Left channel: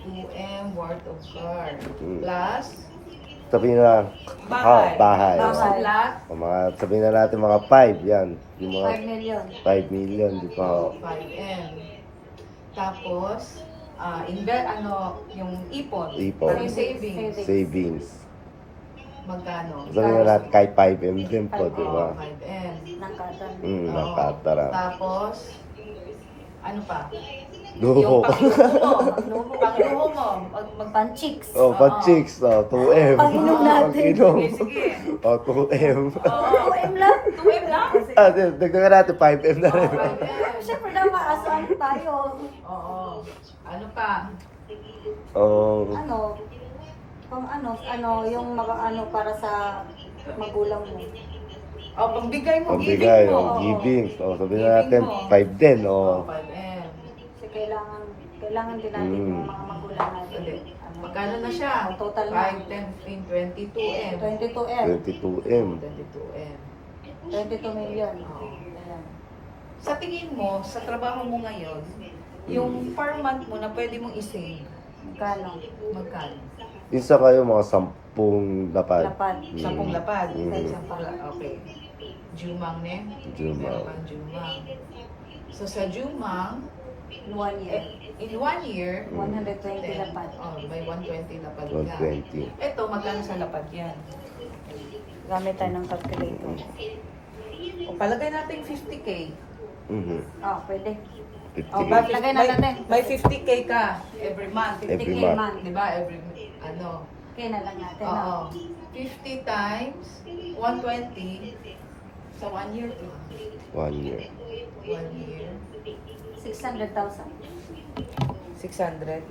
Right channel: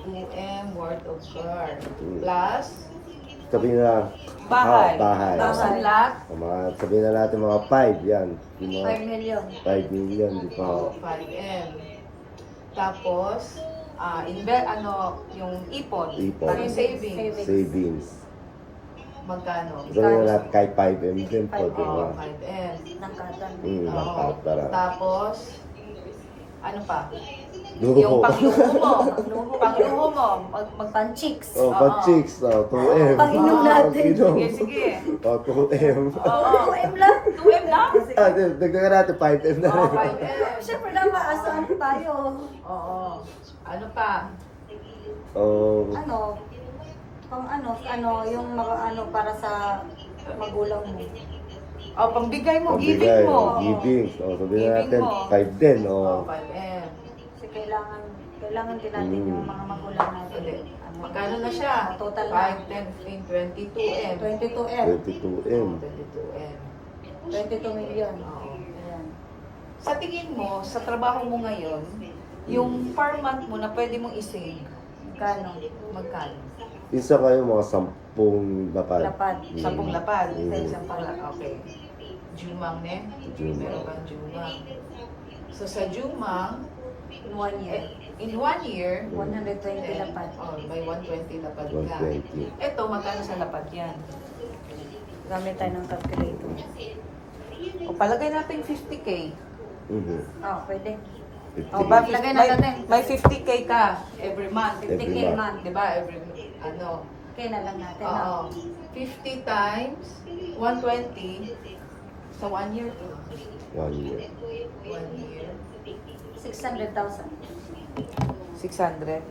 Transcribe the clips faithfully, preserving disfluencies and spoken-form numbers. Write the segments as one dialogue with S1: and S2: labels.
S1: two M worth of car.
S2: Mm.
S1: Plus,
S2: Sabihin na,
S1: bahay.
S2: ah, bahay.
S1: Thousand lot.
S2: O mga, sabihin na natin mga five yan. Yung mga
S3: five million.
S2: five million, di ba?
S1: Oh, five M. Tapos, ah inve ano, yung ipon.
S2: Ipon.
S1: Parang savings.
S2: Savings.
S1: Magkano?
S2: Sabihin na natin kahit five M din po, di ba?
S1: Oo, five M.
S3: Nakatan.
S2: Mm,
S1: Oo.
S2: nakatara.
S1: Tapos, ano pa?
S2: Duho.
S1: Yung pangluho mo. Pangluho mo. Mag, mag
S3: Pan-chicks.
S2: Oh, pag chicks, oh, two M.
S3: Painom natin.
S2: Pag-inom.
S1: Sige, sige.
S2: Oh, two M.
S1: Oo.
S3: two M lang.
S1: two M lang?
S2: Ah, di- dagdagan natin five M na
S1: Oo,
S2: rin.
S1: five M.
S3: Siyempre dapat asam tayo.
S1: Oo. Ano pa?
S2: Oh,
S3: Ano, pang ano, ano, yung mga ano para sa magulang mo.
S1: Oh, pangbigay mo,
S2: pagbigay,
S1: giving mo.
S2: oh, giving. Oh, sabihin na natin
S1: Giving mo.
S2: five din,
S1: Oh,
S2: oh.
S1: five M.
S3: Kasi kailangan, kailangan din natin
S2: Mm.
S3: yung mga magulang natin.
S1: Hindi.
S3: Ano,
S1: Magkano na siya?
S3: Total na.
S1: five, ten, fifteen, twenty-two M.
S3: twenty-two M.
S2: twenty-two M.
S1: twenty-two M.
S3: twenty-two million.
S1: Oo.
S3: Ayan.
S1: Sa tingin mo, sa trabaho mo ngayon, yung per month mo na pwede mong isave,
S3: Magkano?
S1: magkano?
S2: Isa kayo mga sampung lapad.
S3: Lapad.
S2: Mm.
S1: Sampung lapad.
S2: Mm.
S1: Sampung lapad. Okay. Jumang ne?
S2: Jumang.
S1: Meron kang Jumang. So sa Jumang,
S3: In one year.
S1: eh, in one year,
S3: one hundred twenty
S1: then,
S3: lapad.
S1: Oh, may one twenty lapad
S2: one
S1: ka.
S2: twenty.
S1: Ito, magkano sa lapad yan?
S3: Gamit tayo ng calculator.
S1: O palagay natin fifty K.
S2: Mhm.
S3: Ah, pwede.
S2: fifty.
S1: O, ba,
S3: Lagay na
S1: may,
S3: natin.
S1: may fifty K ka every month.
S2: Every
S3: fifty K
S2: month.
S3: man.
S1: Di ba? Every, ano,
S3: Kaya na lang natin.
S1: oo.
S3: ah.
S1: fifty times one twenty sa one year.
S2: One year.
S1: One year.
S3: six hundred thousand.
S1: six hundred.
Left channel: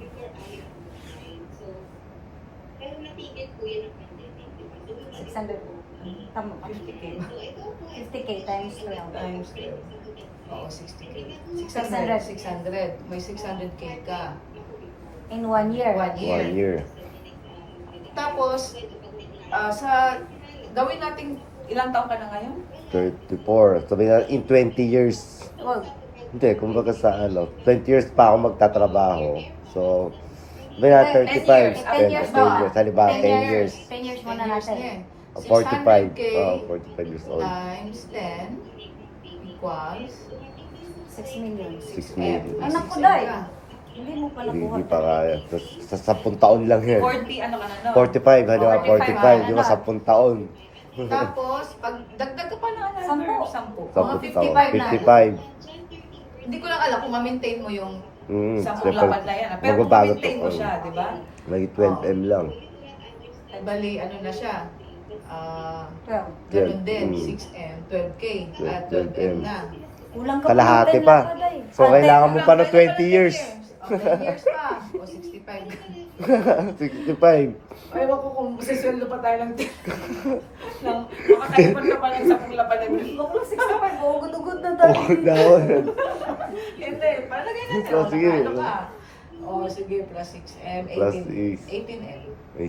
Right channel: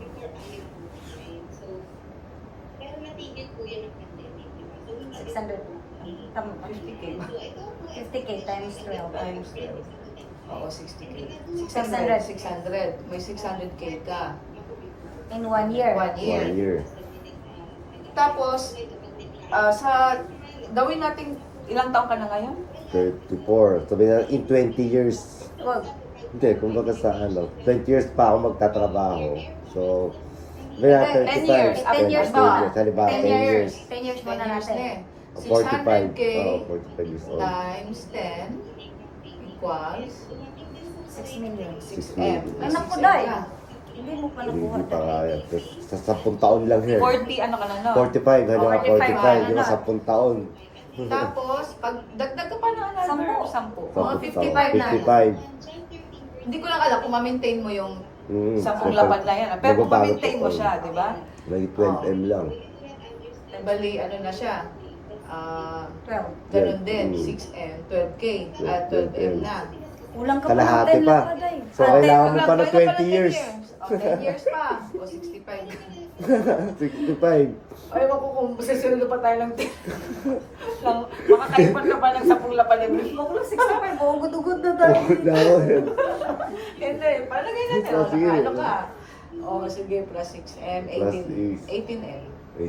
S3: six hundred. Tama ba?
S1: fifty K.
S3: fifty K times twelve.
S1: Times twelve. Oo, sixty K.
S3: six hundred.
S1: six hundred. May six hundred K ka.
S3: In one year.
S1: One year.
S2: One year.
S1: Tapos, ah, sa, gawin natin, ilang taon ka na ngayon?
S2: thirty-four. Sabihin na in twenty years.
S3: Wag.
S2: Hindi, kumbaga sa ano, twenty years pa ako magtatrabaho. So, sabihin na
S1: ten
S2: thirty-five.
S1: years.
S3: ten years
S2: ten
S3: ba?
S2: years. Halimbawa,
S3: ten
S2: ten
S3: years.
S2: years.
S3: ten years muna
S1: ten years
S3: natin.
S1: din.
S2: forty-five.
S1: six hundred K
S2: Oh, forty-five years old.
S1: times ten equals
S3: six million.
S2: six
S1: M.
S2: million.
S3: Ay, naku,
S1: six M
S3: Day.
S1: ka.
S3: Hindi mo pa nakuha.
S2: Hindi pa kaya. Sa sampung taon lang yan.
S1: forty, ano ka na, no?
S2: forty-five, halimbawa
S1: forty-five,
S2: forty-five. Yung
S3: ano?
S2: sampung taon.
S1: Tapos, pag dagdag ka pa ng another,
S3: Sampo.
S1: sampu. Mga
S2: Sampung taon.
S1: fifty-five na.
S2: fifty-five.
S1: Hindi ko lang alam kung ma-maintain mo yung
S2: Mm.
S1: sampung lapad na yan. ah. Pero kung
S2: Magbabago
S1: ma-maintain
S2: to,
S1: mo
S2: oh.
S1: siya, di ba?
S2: Lagi twelve M lang.
S1: Ay, bali, ano na siya? Ah,
S3: twelve.
S1: ganun
S2: Yeah.
S1: din,
S2: Mm.
S1: six M, twelve K, at twelve M na.
S3: Kulang ka
S2: Kalahati
S3: ng ten
S2: pa.
S3: lang, Day.
S2: So, kailangan mo pa ng
S1: Wala
S2: twenty
S1: pala
S2: years.
S1: O, ten years pa. O, sixty-five.
S2: sixty-five.
S1: Ay, wako kung sasalo pa tayo ng ten. Lang, makakaipon ka pa ng sapong lapad every month.
S3: Bakla sixty-five. Oh, good-good na tayo.
S2: Gawin.
S1: Hindi, palagay natin.
S2: Oh,
S1: Wala
S2: sige.
S1: ka, ano ka? O, sige, plus six M,
S2: Plus
S1: eighteen,
S2: is.
S1: eighteen M.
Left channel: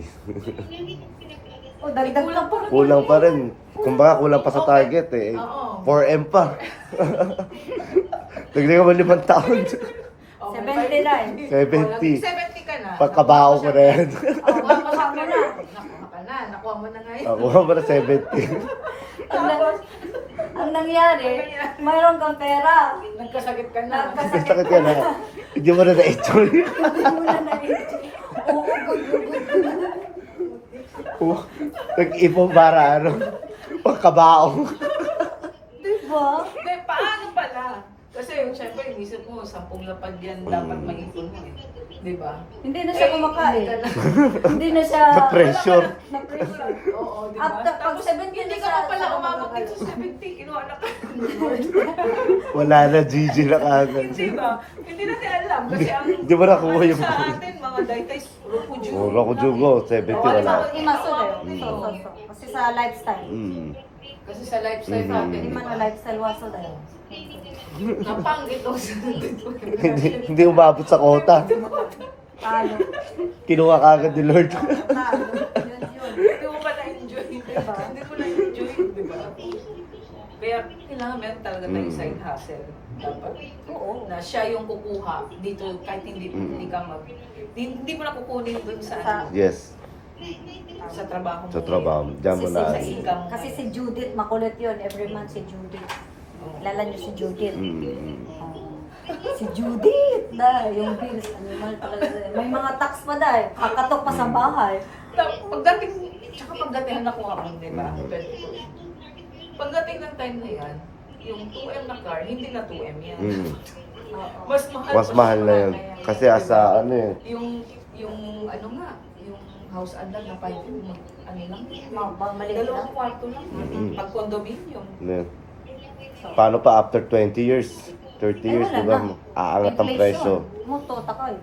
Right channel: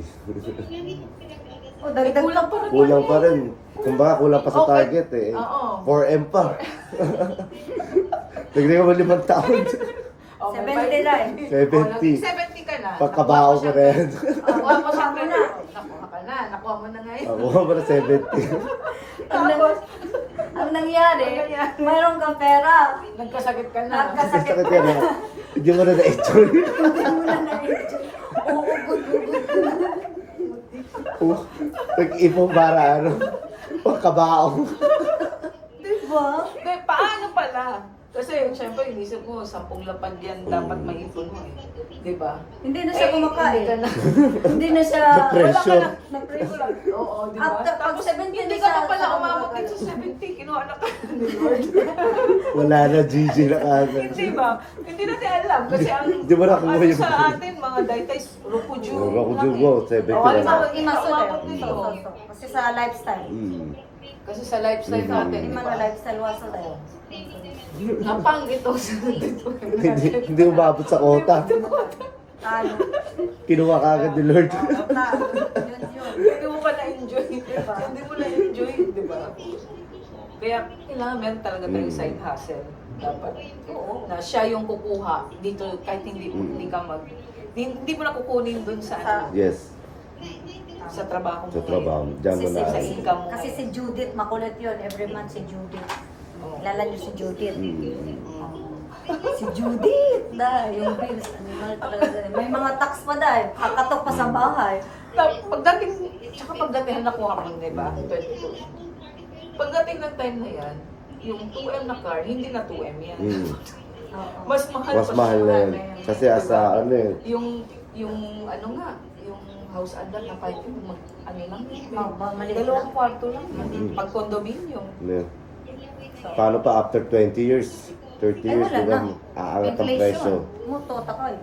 S3: Oh, dagdag
S1: Kulang pa rin.
S2: Kulang pa rin. Kumbaga, kulang pa sa
S1: Okay.
S2: target eh.
S1: Oo.
S2: four M pa. Nagdagan mo limang taon.
S1: O, may
S3: seventy
S1: five-
S3: lang.
S2: seventy.
S1: O, seventy ka na.
S2: Pagkabaho
S1: Nakuha
S2: ko
S1: mo
S2: na
S1: siya,
S2: yan.
S1: Nakuha mo siya.
S3: Nakuha mo na.
S1: Nakuha ka na. Nakuha mo na ngayon.
S2: Ako ba na seventy?
S3: Ang, nang, ang nangyari, mayroon kang pera.
S1: Nagkasakit ka na.
S3: Nagkasakit
S2: Sakit yan ha. Hindi mo na na-enjoy.
S3: Hindi mo na na-enjoy. Oo, good, good, good.
S2: Nag-ipong para ano. Pagkabaong.
S3: Diba?
S1: Hindi, paano pala? Kasi, syempre, inisip ko, sampung lapad yan dapat
S2: Mm.
S1: maipon mo eh. Di ba?
S3: Hindi na siya
S1: Eh,
S3: kumakain.
S1: Hindi ka na.
S3: Hindi na siya...
S2: Na-pressure.
S3: Na-pressure.
S1: Oo, di ba?
S3: After, pag seventy
S1: Hindi
S3: na
S1: ka
S3: siya,
S1: pa pala
S3: sa-
S1: umabot din sa seventy. Kinuha na ka. Lord.
S2: Wala na, G G na kagad.
S1: Hindi ba? Hindi natin alam. Kasi ang...
S2: Di ba nakuha
S1: ano
S2: yung-
S1: sa atin, mga daytay, rupuju.
S2: Oh, Roku Jugo, seventy
S1: Oh, ano
S2: wala.
S1: ba?
S3: Hindi maso eh.
S1: Mm.
S3: So, so, so. Kasi sa lifestyle.
S2: Mm.
S1: Kasi sa lifestyle
S2: Mm.
S1: natin,
S3: Hindi
S1: di
S3: man
S1: ba?
S3: na lifestyle waso tayo.
S1: Kapang ito sa dito.
S2: hindi, hindi umabot sa kota.
S3: Talo.
S2: Kinuha kagad ni Lord.
S3: Talo. Yun yun.
S1: Hindi mo ba na-enjoy? Hindi mo na-enjoy, di ba? Kaya kailangan meron talaga tayo
S2: Mm.
S1: side hustle. Dapat.
S3: Oo.
S1: Na siya yung kukuha dito kahit hindi,
S2: Mm.
S1: hindi ka mag... Hindi, hindi mo na kukunin dun sa,
S3: Sa-
S2: Yes,
S1: sa trabaho mo.
S2: sa trabaho. Diyan mo
S3: Kasi
S2: na.
S3: si,
S1: Sa
S3: si,
S1: income mo.
S3: kasi si Judith, makulit yun. Every month si Judith.
S1: Oo.
S3: Lala niyo si Judith.
S2: Mm.
S3: Oo. Si Judith, dahil yung bills, animal talaga. May mga tax pa dahil, kakatok pa sa bahay.
S1: Ta- Pagdating, tsaka pagdating nakuha mo, di ba? twenty-two. Pagdating ng time na yan, yung two M na car, hindi na two M yan.
S2: Mm.
S3: Oo.
S1: Mas mahal
S2: Mas
S1: pa
S2: mahal
S1: siya.
S2: na yun. Kasi asa ano yun.
S1: Yung, yung ano nga, yung house agad na five M, mag, ano lang,
S3: Ma- ba- maliit lang?
S1: dalawang kwarto lang.
S2: Mm.
S1: Pag condominium.
S2: Yun. Paano pa after twenty years? thirty
S3: Ay,
S2: years,
S3: wala
S2: di ba?
S3: na.
S2: Aangat ang presyo.
S3: Muto, takay.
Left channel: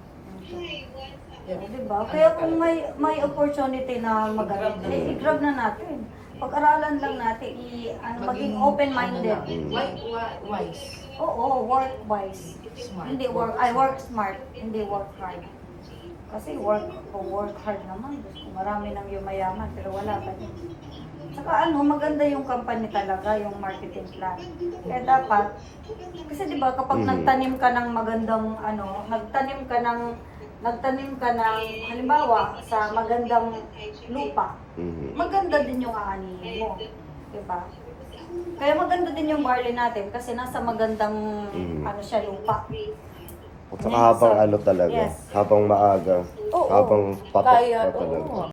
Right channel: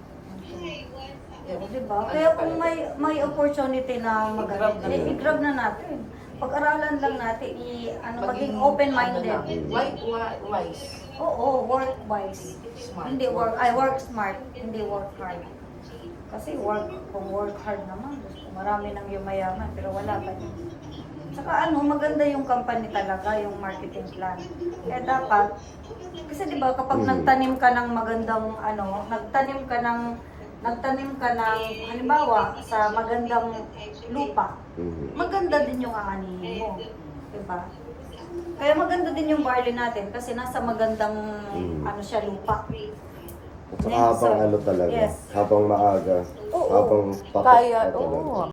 S3: Yeah, diba? Kaya kung may may opportunity na mag-grab, eh, i-grab na natin. Pag-aralan lang natin, i, ano, maging open-minded.
S1: Ano lang, wi- wi- wise.
S3: Oo, work-wise.
S1: Smart.
S3: Hindi work, I work smart, hindi work hard. Kasi work, kung work hard naman, gusto marami nang yumayaman, pero wala pa din. Saka ano, maganda yung company talaga, yung marketing plan. Kaya dapat, kasi di ba kapag
S2: Mhm.
S3: nagtanim ka ng magandang ano, nagtanim ka ng nagtanim ka ng halimbawa sa magandang lupa,
S2: Mhm.
S3: maganda din yung aanihin mo. Di ba? Kaya maganda din yung barley natin kasi nasa magandang
S2: Mhm.
S3: ano siya lupa.
S2: At saka habang ano talaga,
S3: Yes.
S2: habang maaga,
S3: Oo.
S2: habang patok
S1: Kaya,
S2: pa talaga.
S1: oo.